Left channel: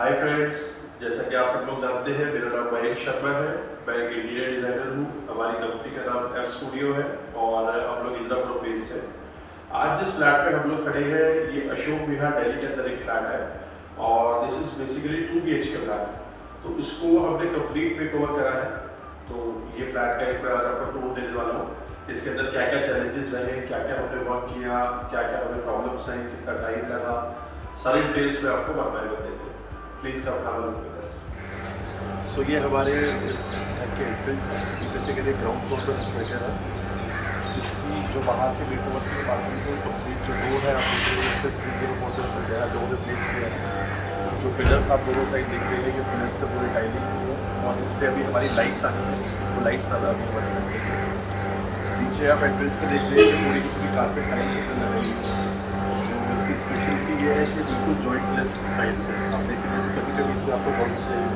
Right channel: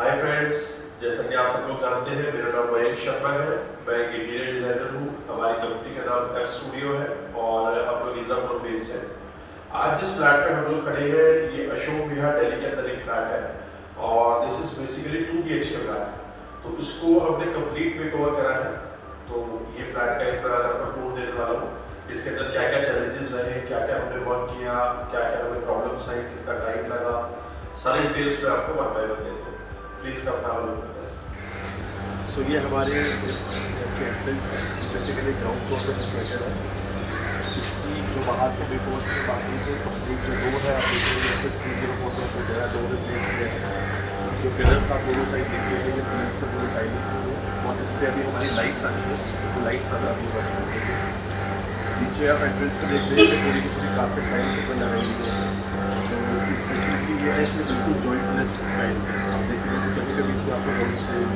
Hi friends, जैसा कि आप सब लोग जानते हैं मेरा नाम मयंक शर्मा है। मैं एक इंटीरियर डिजाइनर हूँ। हमारी कंपनी का नाम एफ स्टूडियो है और हम लोग इंदिरापुरम बेस्ड है। आज जिस फ्लैट पे हम लोग खड़े हैं ये अशोक विहार दिल्ली के अंदर एक फ्लैट है और this is basically 2 BHK flat. तो उसको हमने कंप्लीट मेकओवर करा है। तो ये फ्लैट का एक मैं आज आपको टूर देने वाला हूँ। इसके अंदर क्या क्या चैलेंजेस रहे, क्या क्या हमने वर्क किया, क्या क्या हमें प्रॉब्लम्स आई, कितना टाइम लगा, सारी डिटेल्स में आपको बताया देते हैं। Please come have a look at this. So ये हमारे इस घर के एंट्रेंस है। बेसिकली ग्राउंड फ्लोर पर सिचुएटेड है। इसकी जो बाहर के मेकओवर की बात करें तो कंप्लीट जो डोर है SS 304 पर जो है डोर रिप्लेस किया है। जो पिलर्स आप दोनों साइड देखते हैं ये पिलर्स पे पूरी टाइलिंग हुई है और इस पर अभी हमारी लाइट्स आनी है। तो लाइट्स अभी बनी है। नीचे आप एंट्रेंस पे देख रहे हैं कि पूरी की पूरी कारपेट टाइल्स पे लगाई हुई है। जो इसकी स्पेशलिटी ये है कि बिल्कुल जॉइंटलेस टाइल्स है। आप देखेंगे तो कहीं कहीं से आपको जॉइंट्स नहीं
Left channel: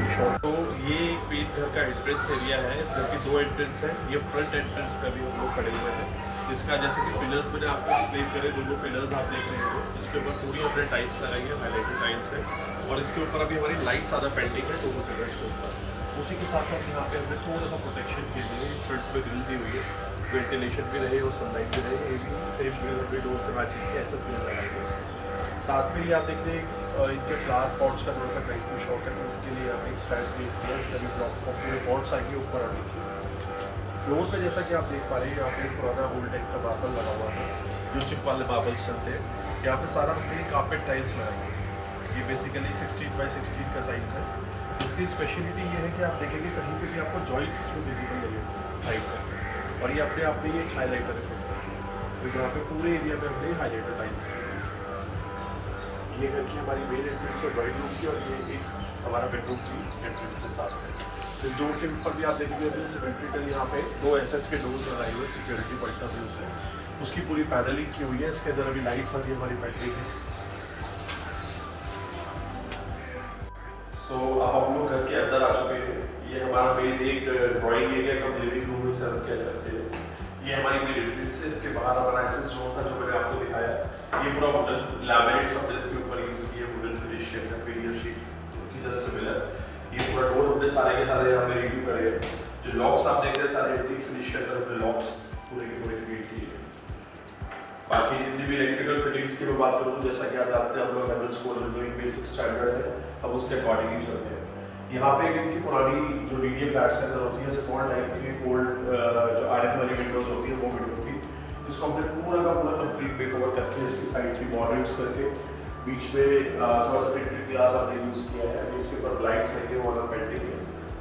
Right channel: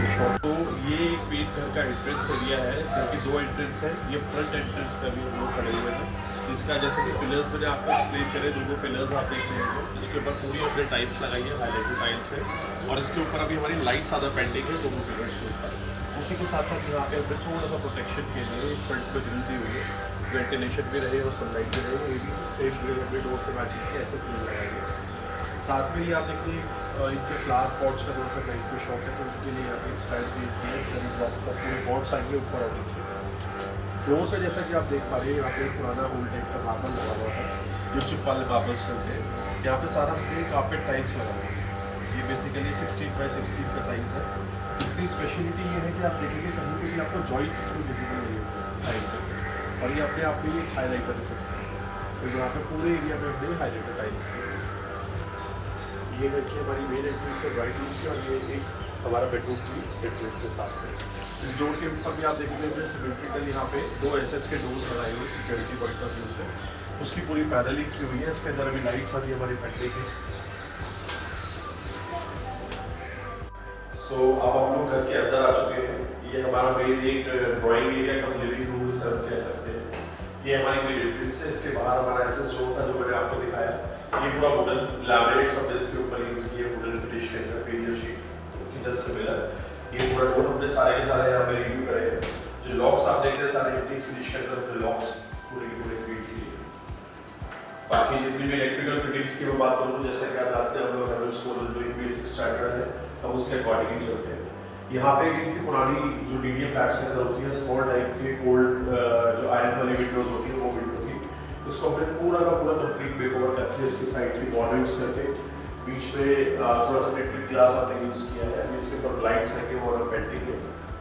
एक शॉट। तो ये एक मेन घर का एंट्रेंस एरिया है। इस घर के 2 एंट्रेंस है। ये फ्रंट एंट्रेंस पे अभी हम लोग खड़े हुए हैं। इसका जैसे कि पिलर्स मैंने आपको एक्सप्लेन करे, दोनों पिलर्स आप देख रहे हैं इसके ऊपर पूरी हमने टाइल्स लगाई है, हाईलाइटेड टाइल्स है और इसके ऊपर अभी हमारी लाइट्स ज़्यादा पेंडिंग है दोनों पिलर्स के ऊपर। उसी के साथ साथ यहाँ पे हमने थोड़ा सा प्रोटेक्शन के लिए फ्रंट पे ग्रिल दी हुई है, वेंटिलेशन भी रहे और सनलाइट भी रहे। ये भी सेम ग्रिल हमने डोर से मैचिंग की ऐसे ग्रिल लगाई है। साथ में ही आप देख रहे हैं इनके फ्लावर पॉट्स का थोड़ा सा टाइप में शॉप है, तो उनके लिए एक स्टाइल क्रिएट किया है। इसका भी ब्लॉक को पूरे पॉट्स आएंगे ऊपर और नीचे। फ्लोर पे जैसा कि आप देख पा रहे हैं यहाँ पे एक पुराना ओल्ड टाइप का मार्बल लगा हुआ था, जो चिप वाले मार्बल्स चलते हैं। यहाँ पे सारा हमने कारपेट टाइल्स लगाई है। ये बेसिकली 16 बाई 16 का साइज़ है। इसकी स्पेशलिटी ये है कि आप देखेंगे कहीं पे भी आपको जॉइंट्स इसमें विजिबल नहीं होते लाइट करके, और ये अपने आप में ये एक हाईलाइटर इफेक्ट है। तो यहाँ पे पूरे एरिया में हमने हाईलाइटर टाइल्स, ये है कि हमारी मेन एंट्रेंस है ड्राइंग रूम की और ये एक हमारा बेडरूम की एंट्रेंस से साथ में। इस डोर के ऊपर भी आप देखेंगे हमने सिमेट्रिकल यहाँ पे 2 SS के डोर्स लगाए हुए सिक्योरिटी पॉइंट ऑफ व्यू से। उसकी पूरी पैनलिंग की हुई है। इसके अंदर अभी लाइट्स अभी हमारी पेंडिंग है। सो अब हम लोग घर के अंदर आ चुके हैं। ये हमारा मेन एक ड्राइंग एरिया का लिविंग रूम से हम कह सकते हैं। ये हमारी मेन एंट्रेंस है। इसके बाहर हमारा एक्सेस डोर था जो मैंने आपको दिखाया। ये पूरा वुडन लैमिनेट्स हमने इसके ऊपर यूज किए, वुडन फिनिश के अंदर फेरियर शीट की जस्ट सिमिलर। ये पूरा डोर हमने सारे के सारे यहाँ पे रिव्यू करे हैं। जो लॉक्स आप देख रहे हैं सारे एंटीक फिनिश के अंदर हमने लॉक्स पूरे के पूरे क्रिएट किए। बाकी जितनी भी इलेक्ट्रिकल फिटिंग्स की मैं बात करूँ तो जैसा कि आप जानते हैं हम लोग हैवेल्स कोड जो एक बेसिक स्टैंडर्ड है, हम उसके अकॉर्डिंग ही चलते हैं। यहाँ पे इनकी पुरानी जो DDA फ्लैट्स के अंदर होती है स्मॉल टाइप की ओल्ड जो आयरन वाली विंडोज होती है वो विंडो थी। उसको हमने पूरा का पूरा कंप्लीट मेकओवर करके इसकी साइड की बॉर्डर यूज करके बीच में थोड़ा सा टिंटेड ग्लास हमने यूज किया है। इसके ऊपर ब्लाइंड्स है और पेंटिंग है,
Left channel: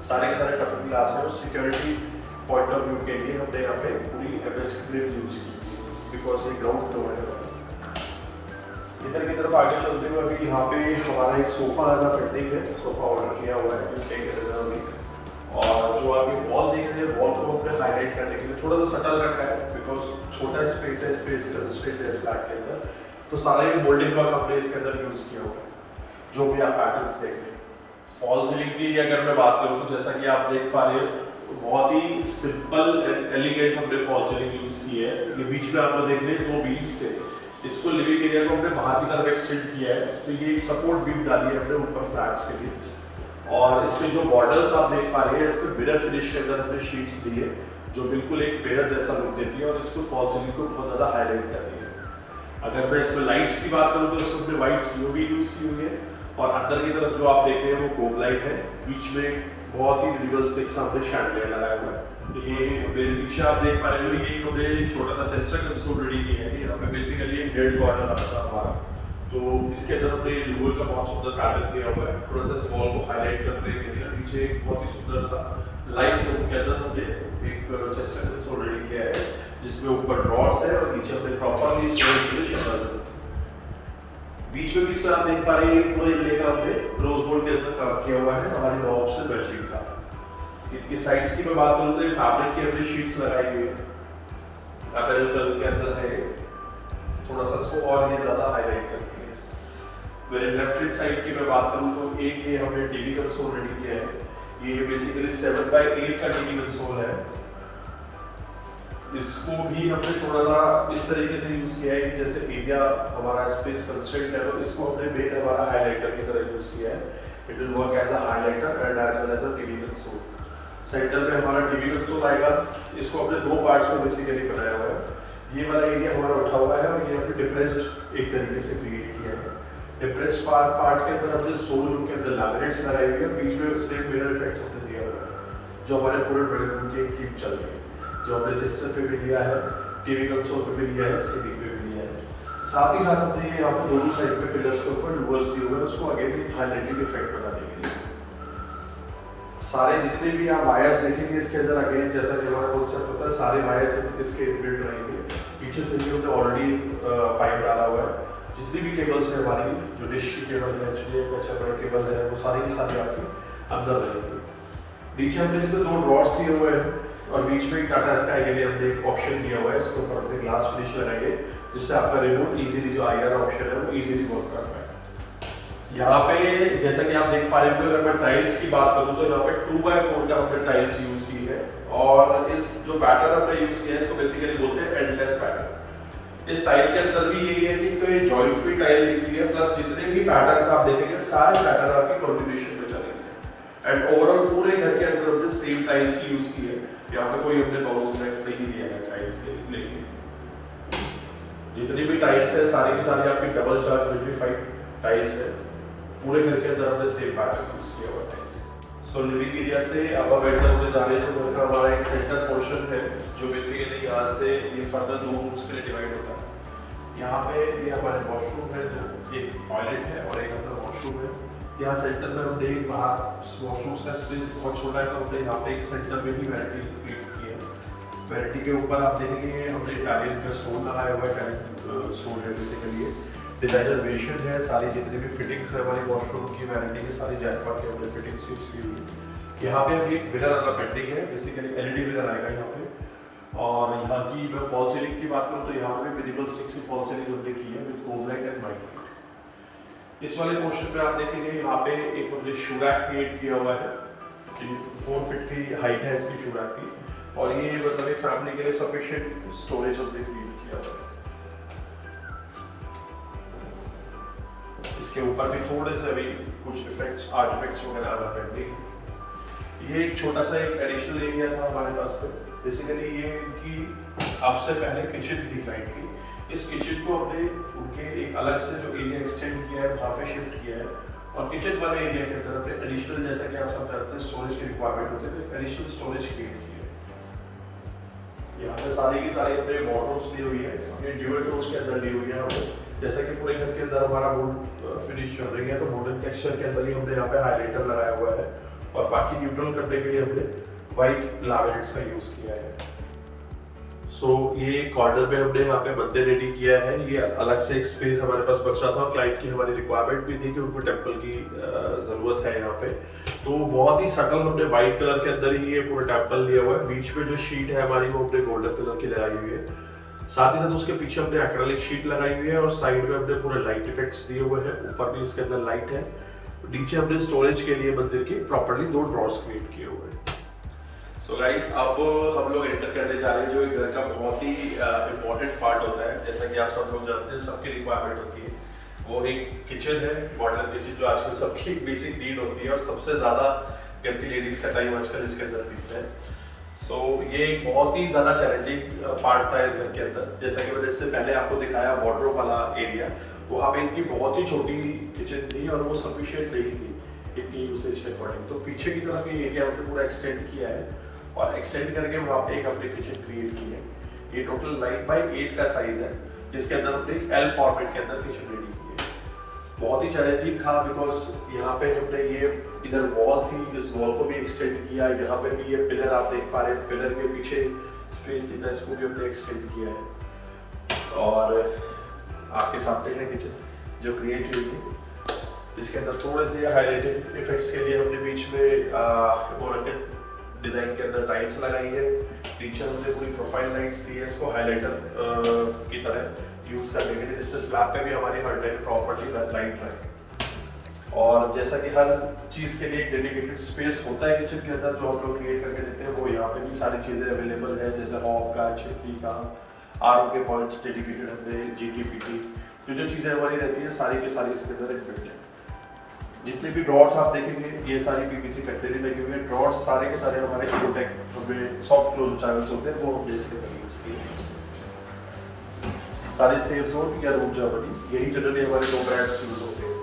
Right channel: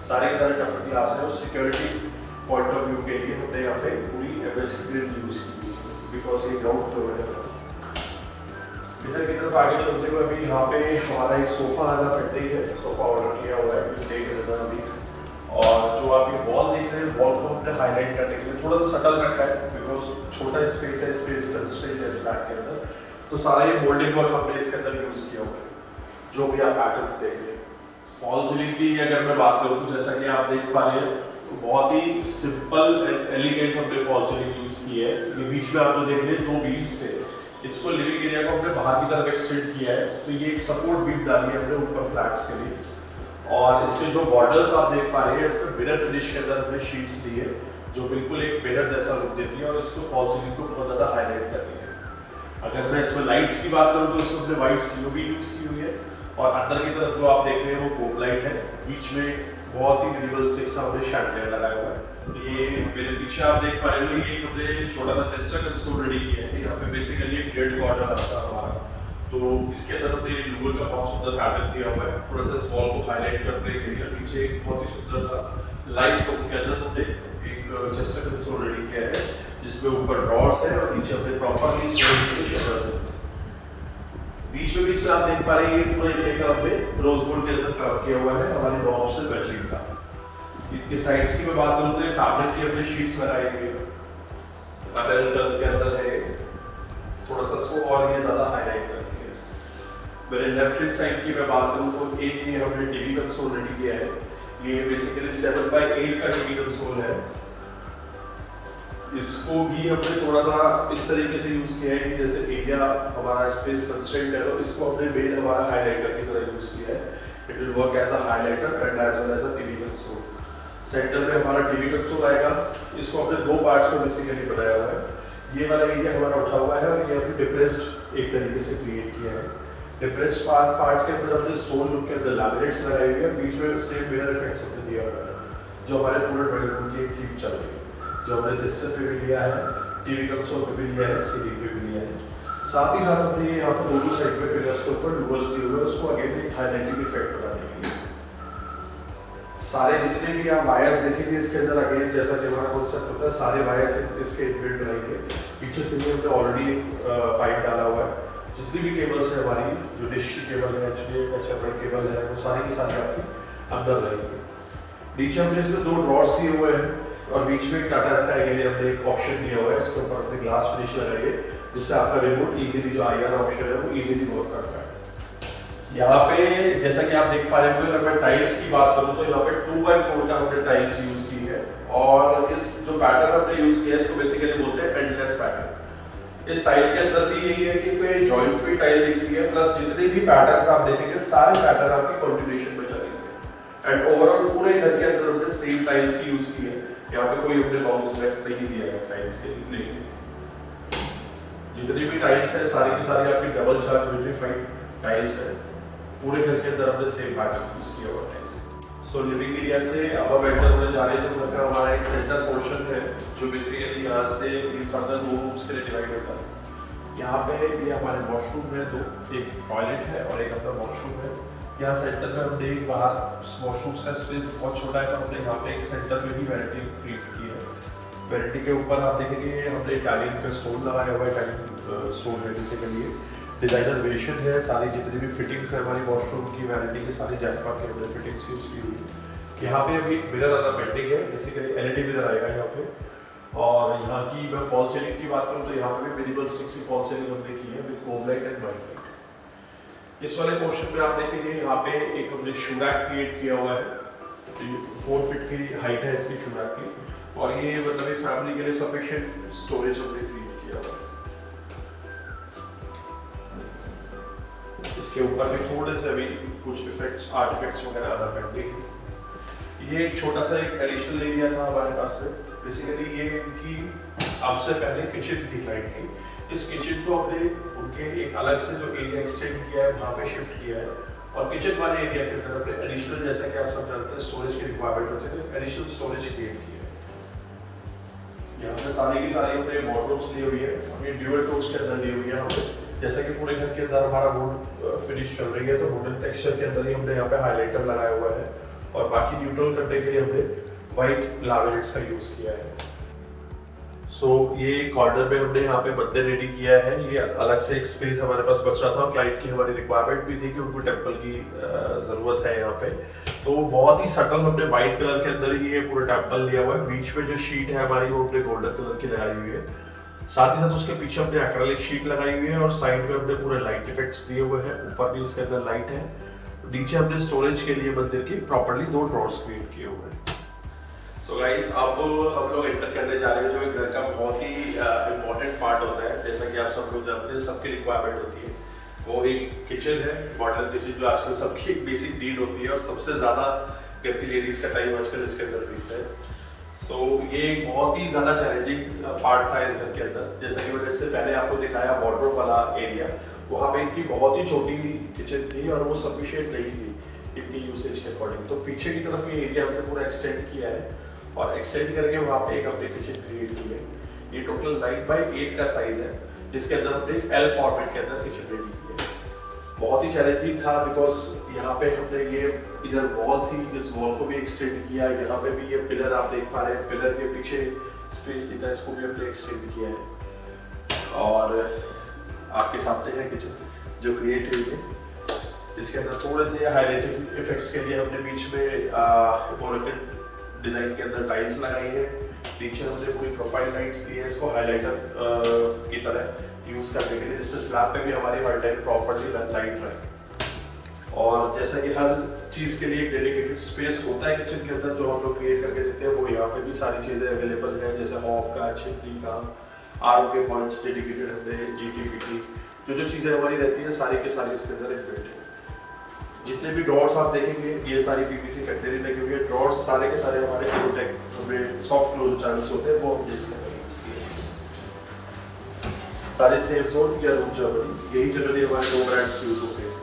सारे के सारे टफन ग्लास है। और सिक्योरिटी पॉइंट ऑफ व्यू के लिए हमने यहाँ पे पूरी MS ग्रिल यूज की बिकॉज ये ग्राउंड फ्लोर है। इधर की तरफ आगे चलते हुए अभी यहाँ पे हमारा एक सोफा ज़्यादा पेंडिंग है। सोफा ऑर्डर किया हुआ है और जो आप ये वॉल देख रहे हैं वॉल को हमने हाईलाइट करने के लिए थोड़ा सा सटल रखा है बिकॉज छोटा स्पेस है, स्पेस कंस्ट्रेंट है फ्लैट के अंदर। तो सारा ये मोल्डिंग वर्क हमने इसके अंदर यूज किया हुआ है। जो भी आप पैटर्न्स देख रहे हैं फॉल सीलिंग की अगर मैं बात करूँ तो जैसा कि आप देख पा रहे हैं बहुत ही सिंपल एंड एलिगेंट हमने फॉल सीलिंग यूज की है। ये बीच में आप जो देख रहे हैं 2 बीम्स से इसको लिविंग एरिया को हमने बाहर की तरफ एक्सटेंड किया है। तो ये एक सपोर्ट बीम डाली है हमने ऊपर फ्लैट्स के लिए। और इसके जो बॉर्डर्स आप देख पा रहे हैं इस पर मिरर फिनिश के अंदर हमने शीट्स दी है जो बिल्कुल एक मिरर जैसा लुक देती है और इसको फॉल सीलिंग को बहुत ज़्यादा हाईलाइट करती है। अगर मैं इसमें लाइट्स की बात करूँ तो इसमें हमने वाइट COB यूज़ की हुई है और अंदर की तरफ जो आप देख रहे हैं वो कोम लाइट है। बीच में बहुत ही मिनिमल स्टिक्स हमने शैंडलियर लगाया हुआ है। तो ये मेरे पीछे आप देख पा रहे हो ये हमने छोटा सा चेस्टर कंसोल रेडी किया है। यहाँ पे बेसिकली एक डेड कॉर्नर आता है हमारा। तो इसके अंदर हमने लूवर का बहुत सुंदर पैटर्न किया हुआ है थोड़ा सा इस वॉल को हाईलाइट करने के लिए। नीचे एक बहुत ही सुंदर सा लाइट के अंदर हमने एक चेस्टर कंसोल रेडी किया है जिसमें ऊपर ड्रॉर्स है और नीचे हमने प्रॉपर्ली बीच में आप देख पा रहे हैं पूरा एरिया का हमने रोज गोल्ड के अंदर काम किया हुआ है हमारी नॉब से मैचिंग का। इनके साइड्स की मैं बात करूँ तो फैब्रिक की हमने शीट्स लगाई हुई है। अगर टर्न के अंदर है थोड़ा सा इसको और ये ज्यादा हाईलाइट करती है। मेरे लेफ्ट हैंड साइड की मैं बात करूँ तो एक ये हमने टीवी कंसोल रेडी किया है। ये बेसिकली 7 by 8 का टीवी कंसोल है। इसको भी हमने थोड़ा सा इस तरीके से यूज किया है कि जैसे एरिया हमारा स्पेस कंस्ट्रेंट है, तो इसको हमने मेन हमारा हाइलाइटर की तरह यूज किया है। It will work as a highlighter and as well as a TV console. Centre में हमारा टीवी कंसोल आएगा। इसको हमने दो पार्ट्स में बेसिकली बनाया हुआ है। ये वाला एरिया हमारा उठा हुआ है और ये अभी डिप्रेस्ड एक तरीके से क्रिएट किया है। डिप्रेस्ड पार्ट के अंदर हमने स्टोन रूम के अंदर लैमिनेट्स लगाए हुए हैं, बीच में सेम मिरर इफेक्ट्स हमने दिया हुआ है जो हमारे पूरे ड्राइंग रूम की एक थीम चल रही है, जो हमने रजिस्टर पे भी लिया है, टीवी कंसोल पे भी लिया है, सीलिंग पे भी लिया है। साथ ही साथ हमने यहाँ पे दोनों साइड पे पिलर्स के ऊपर लूवर्स दिए हुए हैं, उसको अगेन एक हाइलाइटिंग इफेक्ट बनाने के लिए। सारे जितने भी आप वायर्स देखेंगे इसके अंदर अगेन जैसा कि हमारा कॉन्सेप्ट होता है, सारे वायर्स इसके इनबिल्ट रहेंगे। पीछे से भी हमने ऑलरेडी पाइप डाला हुआ है। जितनी भी केबल्स है हमारी, जो डिश की केबल है, HDMI केबल है, वो सारी की सारी आपकी अंदर रहेंगे। नीचे हमने इसमें दो ड्रॉर्स दिए हुए हैं और बीच में टाटा स्काई के लिए हमने एक ऑप्शन दिया हुआ है। इसके ऊपर अपने ग्लास फिनिश लगाएंगे जिससे आपका रिमोट इजीली जो IR ऑप्शन है वो इजीली वर्क करता है। यहाँ पे जैसा कि आप देख पा रहे हो, अगर मैं टाइल्स की बात करूँ तो यहाँ पे 2x4 का हमने टाइल्स यूज की है और इस जो पैटर्न हमने यूज किया है इसको बेसिकली बोलते हैं एंडलेस पैटर्न। इस टाइल के अंदर भी यही है कि तो ये जॉइंट फ्री टाइल दिख रही है, प्लस जितने भी पैटर्न्स आप देखेंगे सारे पैटर्न आपके कंटिन्यूएशन में चलेंगे एंड ओवरऑल पूरे घर के अंदर हमने सेम टाइल्स की यूज की है। यहाँ पे कोई हमने बाउंस बैक नहीं दिया है टाइल्स के लिए, लेकिन जितनी भी टाइल्स है सारी की सारी आपकी डबल चार्ज विट्रीफाइड टाइल्स है। पूरे घर के अंदर हमने सेम पैटर्न यूज किया हुआ है। सो लिविंग एरिया से अब हम एंटर होने जा रहे हैं, तो घर का हमारा एक सेंटर पोर्शन है जो बेसिकली यहाँ से ये फर्दर दो रूम्स के लिए डिवाइड होता है। यहाँ पे ये हमारे वॉशरूम है दो, एक टॉयलेट है और एक अपना वॉशरूम है। यहाँ सेंटर में हमने बाहर वॉशरूम्स का स्पेस बहुत छोटा है, तो हमने यहाँ पे एक सेंटर में भी वैनिटी क्रिएट की है। वैनिटी के ऊपर आप देखेंगे हमने इटालियन का स्टोन लगाया हुआ है, इटालियन स्टोन है बेसिकली डिजाइनर वेरिएशन है। सारी जितनी भी फिटिंग्स है हमारी वॉशरूम की वैनिटी के सारे जैकपॉट के अंदर फिटिंग्स यूज की हुई। यहाँ पे अभी एक मिरर वाला पेंटिंग है, बेसिकली LED मिरर आएगा यहाँ पे। और यहाँ की मैं फॉल सीलिंग की बात करूँ तो यहाँ पे भी मिनिमल स्टिक सी फॉल सीलिंग हमने की है with cob light and white light. इस वाले पोर्शन पे आप देखेंगे यहाँ पे एक हमने शू रैक क्रिएट किया हुआ है। 4 फीट की हाइट है इसकी शू रैक की और ये मतलब एक फैमिली के लिए सफिशिएंट स्टोरेज हमने क्रिएट किया हुआ है। इसके ऊपर भी थोड़े से अभी कुछ इफेक्ट्स आर्ट इफेक्ट्स वगैरह आना पेंडिंग। ये एक छोटा सा एक एडिशनल एरिया था हमारे पास में। बेसिकली ये इनकी आपसे पहले किचन थी क्लाइंट की। इस किचन को हमने उनके एक अलग से जो एरिया एक्सटेंड किया है वहाँ पे शिफ्ट किया है और किचन वाले एरिया के अंदर हमने एडिशनल, जैसा कि आप सब जानते हैं स्टोरेज की रिक्वायरमेंट होती है, तो एडिशनल स्टोरेज क्रिएट की है। यहाँ पे सारे की सारी हमने वॉर्डरोब्स दी हुई है, हमने ड्यूअल टोन्स के अंदर दी हुई है हमने। जैसा कि पूरे घर के अंदर हमारा वुड फिनिश चल रही है तो वुडन टेक्सचर के अंदर ही हमने यहाँ पे हाइलाइटर लगाया हुआ है और बाकी न्यूट्रल करने के लिए हमने वाइट लैमिनेट्स का यूज किया है। सो ये कॉर्नर में हमने यहाँ पे मंदिर रेडी किया है। ये अलग से एक स्पेस हमारे पास बच रहा था और क्लाइंट की हमारी रिक्वायरमेंट भी थी कि उनको टेम्पल की जरूरत है यहाँ पे, तो बहुत ही सटल हमने व्हाइट कलर के अंदर ही ये पूरा टेम्पल लिया हुआ है। बीच में जो शीट है हमारी वो हमने गोल्डन कलर की लगाई हुई है। साथ ही साथ उसके पीछे हमने एक्रेलिक शीट लगाई हुई है और साइड में हमने पूरे लाइट इफेक्ट्स दिए हुए हैं। ऊपर भी उसके अंदर लाइट है। नीचे हमने स्टोरेज के लिए मंदिर की प्रॉपर्ली 2 ड्रॉर्स क्रिएट किए हुए हैं। सो गाइस, अब हम लोग एंटर करने जा रहे हैं जो एक घर का बहुत ही इम्पोर्टेंट पार्ट होता है। जैसा कि आप सब लोग जानते हैं सबकी रिक्वायरमेंट होती है, वो एक किचन है, मॉडर्न किचन, जो आजकल सबकी एक बेसिक नीड होती है और सबसे ज़्यादा घर की लेडीज़ का टाइम आजकल इसके अंदर बीतता है। सो ये एक बहुत ही ज़्यादा चैलेंजिंग पार्ट था इस घर के अंदर। जैसा कि मैंने इससे पहले आपको दिखाया वार्डरोब वाला एरिया, वहाँ पे इनकी बहुत ही छोटी किचन थी और वो सफिशिएंट नहीं थी इनकी यूसेज के अकॉर्डिंग। तो पीछे की तरफ ये एरिया हमने पूरा एक्सटेंड किया है और एक्सटेंड करके वहाँ पे एक हमने किचन क्रिएट की है। ये टोटल 9x8 का साइज है जिसके अंदर हमने L फॉर्मेट के अंदर किचन रेडी की है। बहुत ही चैलेंजिंग था बिकॉज यहाँ पे हमने ये इधर वॉल थी, इस वॉल को भी एक्सटेंड किया। यहाँ पे भी ये पिलर आप देख पा रहे हैं, पिलर के पीछे स्पेस कितना, इसको भी हमने एक्सटेंड किया है। और आपके सामने है किचन जो क्रिएट हुई है। इसके अंदर थोड़े से हाइलाइटिंग इफेक्ट्स के लिए हमने बीच में मोरकल डिजाइन के अंदर टाइल्स लगाई है। नीचे हमने पूरी प्रोफाइल लाइट्स दी है इसको हाइलाइटर की तरह यूज करने के लिए, जिससे स्लैब पे भी हमारी हर टाइम प्रॉपर्ली लाइट रहे। और जैसा कि हर चीज़ के लिए एक डेडिकेटेड स्पेस होता है किचन के अंदर, जो हम लोग क्रिएट करके देते हैं, वो यहाँ पे भी सारी चीज़ें अवेलेबल है, जैसे हॉब का, छिपकी का, आरओ के पॉइंट्स डेडिकेटेड होते हैं, जीटीपीटी, जो चीज़ें हमारी रहती है सारी के सारी इसके अंदर इनबिल्ट है। जितने भी ड्रॉर्स आप देखेंगे ये सारी पीवीसी कटलरी लगी हुई है। ड्रॉर्स सारे के सारे हमारे कॉन्टैक्ट हमें सॉफ्ट क्लोज चैनल्स होते हैं, वो हम इसके यूज़ किए। सारे सेफ जोन या रूट जर्मनी, यही जनरली हमारे 2 ब्रांड्स यूज होते हैं।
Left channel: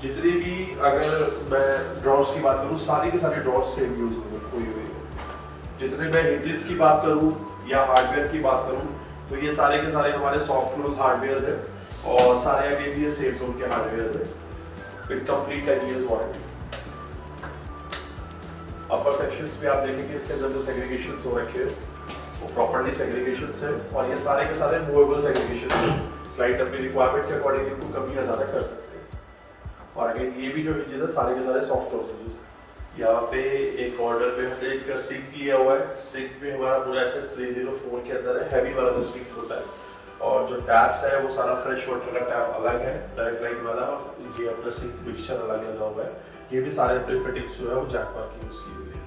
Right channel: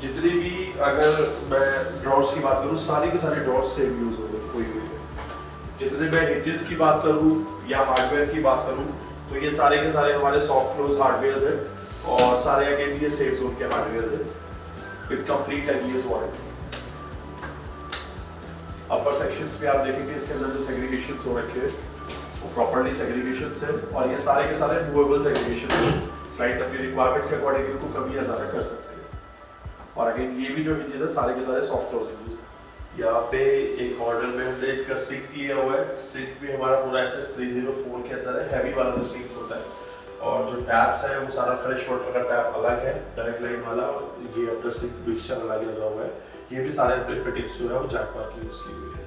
जितनी भी अगर मैं ड्रॉर्स की बात करूँ, सारी के सारी ड्रॉर्स सेम यूज हुई है। जितने मैं हिंजेस की बात करूँ या हार्डवेयर की बात करूँ, तो ये सारे के सारे हमारे सॉफ्ट क्लोज हार्डवेयर है और सारे अभी भी ये सेफ जोन के हार्डवेयर है with complete 10 years warranty. Upper sections में आप देखेंगे इसके अंदर जो सेग्रीगेशंस हो रखे हैं वो प्रॉपर्ली सेग्रीगेशंस है और ये सारे के सारे मूवेबल सेग्रीगेशन है। क्लाइंट अपनी रिक्वायरमेंट के अकॉर्डिंग इनको कम या ज़्यादा कर सकते हैं। और अगेन ये भी जो हिंजेस है सारे के सारे सॉफ्ट क्लोज हिंजेस। यहाँ पे एक कॉर्नर में हमने एक सिंक लिया हुआ है। सिंक भी हमारा पूरा SS304 के अंदर है, हैवी वाला जो सिंक होता है। और जो टैप्स है वो सारा फ्रेश वाटर का टैप अलग है, डायरेक्ट लाइन वाला, और ये अपना सिंक मिक्सचर अलग लगा हुआ है। ये भी सारे अपने फिटिंग्स जो है वो जैकपॉट की यूज़ की हुई है।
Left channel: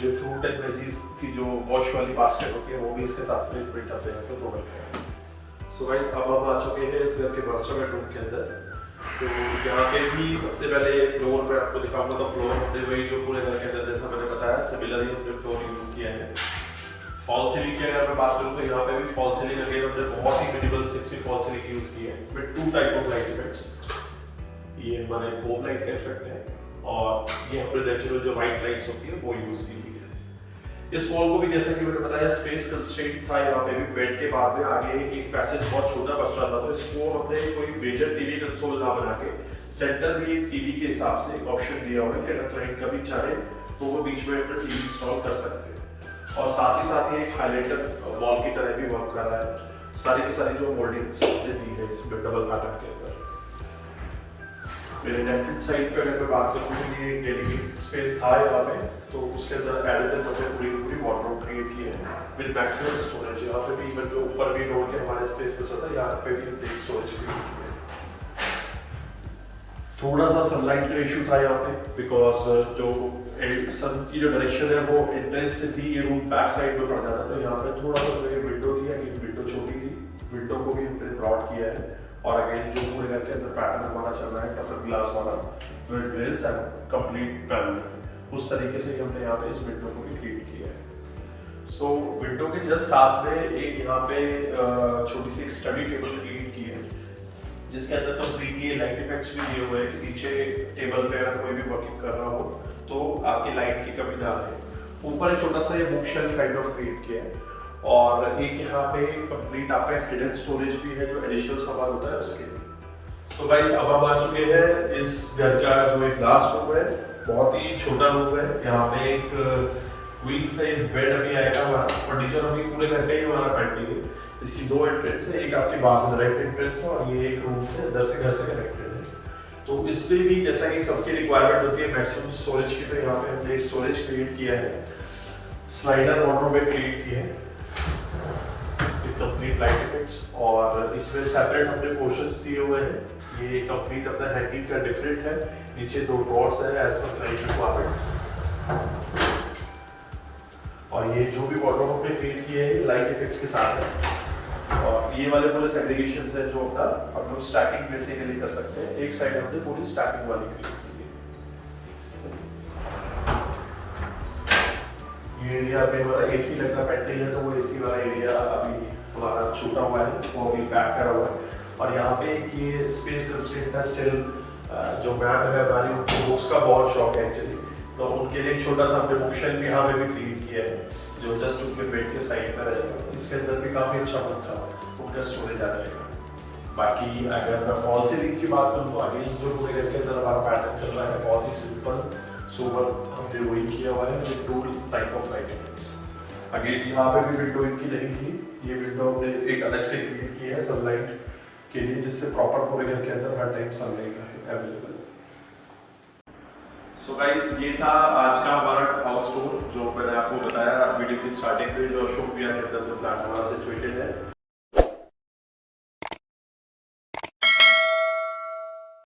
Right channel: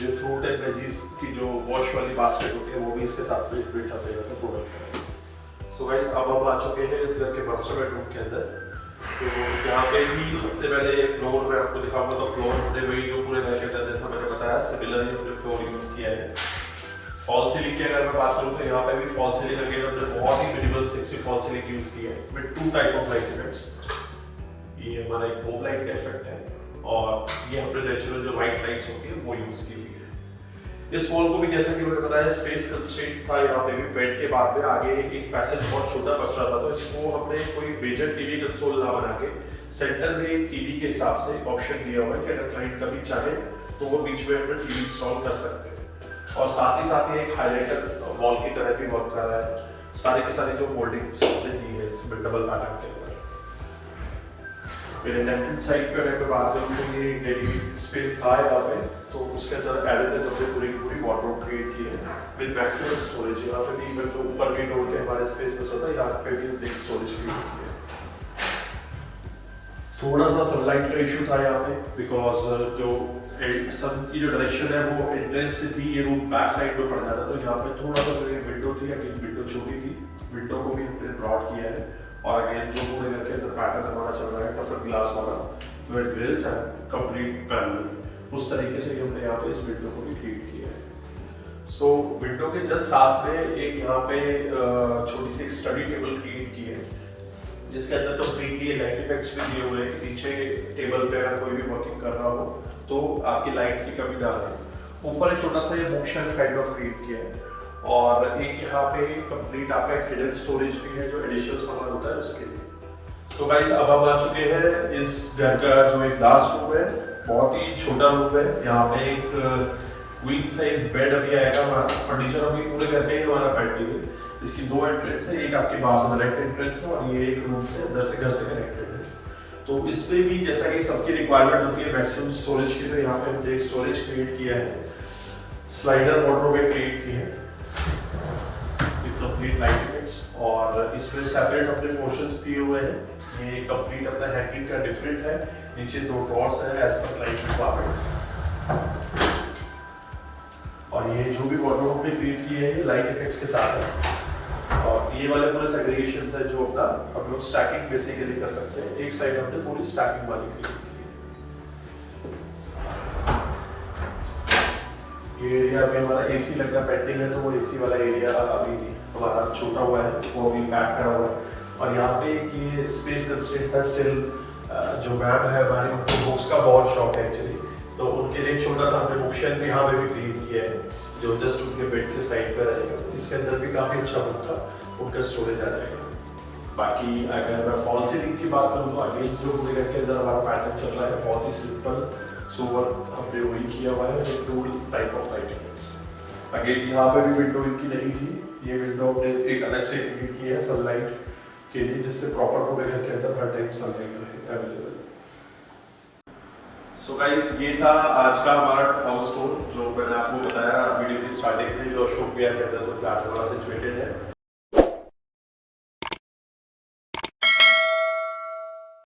जो फ्रूट एंड वेजीज की जो वॉश वाली बास्केट होती है वो भी इसके साथ में बिल्ट आते हैं, तो दोनों हैं। सो गाइस, अब हम आ चुके हैं इस घर के मास्टर बेडरूम के अंदर। तो यहाँ पे भी सबसे पहले फ्लोर मैं आपको दिखाऊंगा। तो फ्लोर हमने वही जो पूरे घर के अंदर जैसा मैंने बताया सिमिलरली हमने फ्लोर यूज़ किया है। फॉल सीलिंग की अगर मैं बात करूँ तो यहाँ पे भी फॉल सीलिंग अगेन हमने बहुत ही मिनिमल 60 फॉल सीलिंग यूज़ की है with 2 type of light effects. ये हमारा एक होम लाइट का इफेक्ट है और ये हमने नेचुरल जो वाइट लाइट्स होती है वो यूज़ की हुई है। इस वॉल को भी जैसा कि मैंने बताया स्पेस कंस्ट्रेंट था, यहाँ पे भी बेड के बाद में आगे एक पैसेज बहुत छोटा बच रहा था, तो इसको हमने कोई मेजर टीवी कंसोल ना बना के सेंटर में टीवी के हिसाब से ऑप्शन दिया हुआ है कि अगर क्लाइंट कभी चाहे तो वो बीच में अपना टीवी इंस्टॉल कर सकते हैं। और साथ ही एक हाइलाइटर वॉल की तरह भी वर्क कर रहा है। सारे के सारे जो मोल्डिंग्स दी है इस डबल पैटर्न के अंदर। मेरे लेफ्ट हैंड साइड पे अगर मैं बात करूँ तो ये डेडिकेटेड स्पेस था यहाँ पे, तो उसके अंदर एज इट इज हमने पूरी वार्डरोब क्रिएट की है विद मैक्सिमम स्टोरेज। यहाँ पे भी जो ऊपर भी डोर के हमारे स्पेस में होता है, यहाँ पे भी एक स्टोरेज क्रिएट की है। थोड़ा सा सनलाइट का इशू था यहाँ पे बिकॉज जो सन की जो डायरेक्शन है वो एंट्रेंस से थी, ये रूम बैक साइड में पड़ जाता, तो यहाँ पे थोड़ा सा जो विंडो थी, अगेन विंडो छोटी थी, विंडो को भी हमने ब्रॉड किया है। और अगेन जो पूरे घर के अंदर पैटर्न हमारा चल रहा है टफन ग्लास वाला with grills and complete panel, उस तरीके से हमने यहाँ पे इस विंडो को भी क्रिएट किया है। सो विंडो के जस्ट साथ में एक यहाँ पे छोटी सी एक स्टडी टेबल क्रिएट की है जिसके अंदर कंप्लीटली लाइट इफेक्ट्स भी दिए हुए हैं। पीछे टेबल पे अगर कोई भी वर्किंग कर रहा हो तो आपकी लाइट की कमी ना रहे। ऊपर एक छोटा सा ये बुक शेल्फ टाइप का क्रिएट किया है और एक यहाँ पे कंप्लीट आपका एक हिडन स्टोरेज भी है जो एडिशनल सामान होता है उसके लिए। सो गाइस, अब हम आ चुके हैं इस घर का जो एक लास्ट रूम है, बहुत ही छोटा रूम है। यहाँ पे एक क्वीन साइज बेड अभी आएगा हमारा। फर्नीचर अभी पूरे घर का ही हमारा पेंडिंग है। इसकी 2 एंट्रेंस है, एक आपके बाहर से राइट एंट्रेंस है और ये एक रूम से अंदर से घर से कनेक्टेड है। तो इसमें भी जैसा कि सबकी रिक्वायरमेंट होती है मैक्सिमम स्टोरेज की, तो यहाँ पे हमने एक स्टोरेज क्रिएट किया है, स्लाइडर वार्डरोब क्रिएट की है कंप्लीट लाइट इफेक्ट्स। और इसमें सेपरेट अपने पोर्शंस दिए हुए हैं। ये कंप्लीट अपना हैंगिंग का डिफरेंट है, नीचे 2 ड्रॉर्स है एज पर क्लाइंट रिक्वायरमेंट। और ये जो भी वार्डरोब हमने क्रिएट किए हैं लाइट इफेक्ट्स के साथ है। और ये वाले पूरे सेग्रीगेशंस है जो अपना हम लोग स्टैकिंग बेसिकली कर सकते हैं। एक साइड हमने पूरी स्टैकिंग वाली क्रिएट की है। ये एरिया अभी हमारा एसी लगना पेंडिंग है, तो वो एसी वाला एरिया अभी हमारा छूटा हुआ है, वो अभी पैक करा हुआ है। और यहाँ पे ये स्पेस कंस्ट्रेंट है स्टिल। जो मैम है हमारी, उनको बुक्स का बहुत शौक है एक्चुअली, तो उनके लिए छोटा सा हमने बुक शेल्फ यहाँ पे भी क्रिएट किया है जो जस्ट उनके बेड के साइड पर रहेगा। इसके अंदर भी काफ़ी अच्छा बुक का उनका स्टोरेज आ जाएगा। बाकी अगर मैं फॉल सीलिंग की बात करूँ तो आगे जो पूरे घर के अंदर हमारा पैटर्न चल रहा है बहुत ही सिंपल सोबर हमने वही किया हुआ है with 2 type of light effects. Again यहाँ पे भी विंडो इनकी नहीं थी, ये विंडो हमने एक अलग से क्रिएट की है सनलाइट के लिए, जिससे प्रॉपर पूरे घर के अंदर हर टाइम सनलाइट रहे अवेलेबल। सो गाइस, ये था आज का हमारा हाउस टूर जो मैंने आपको बताया वीडियो की स्टार्टिंग में, जो अशोक विहार के अंदर फ्लैट हमारा सिचुएटेड है।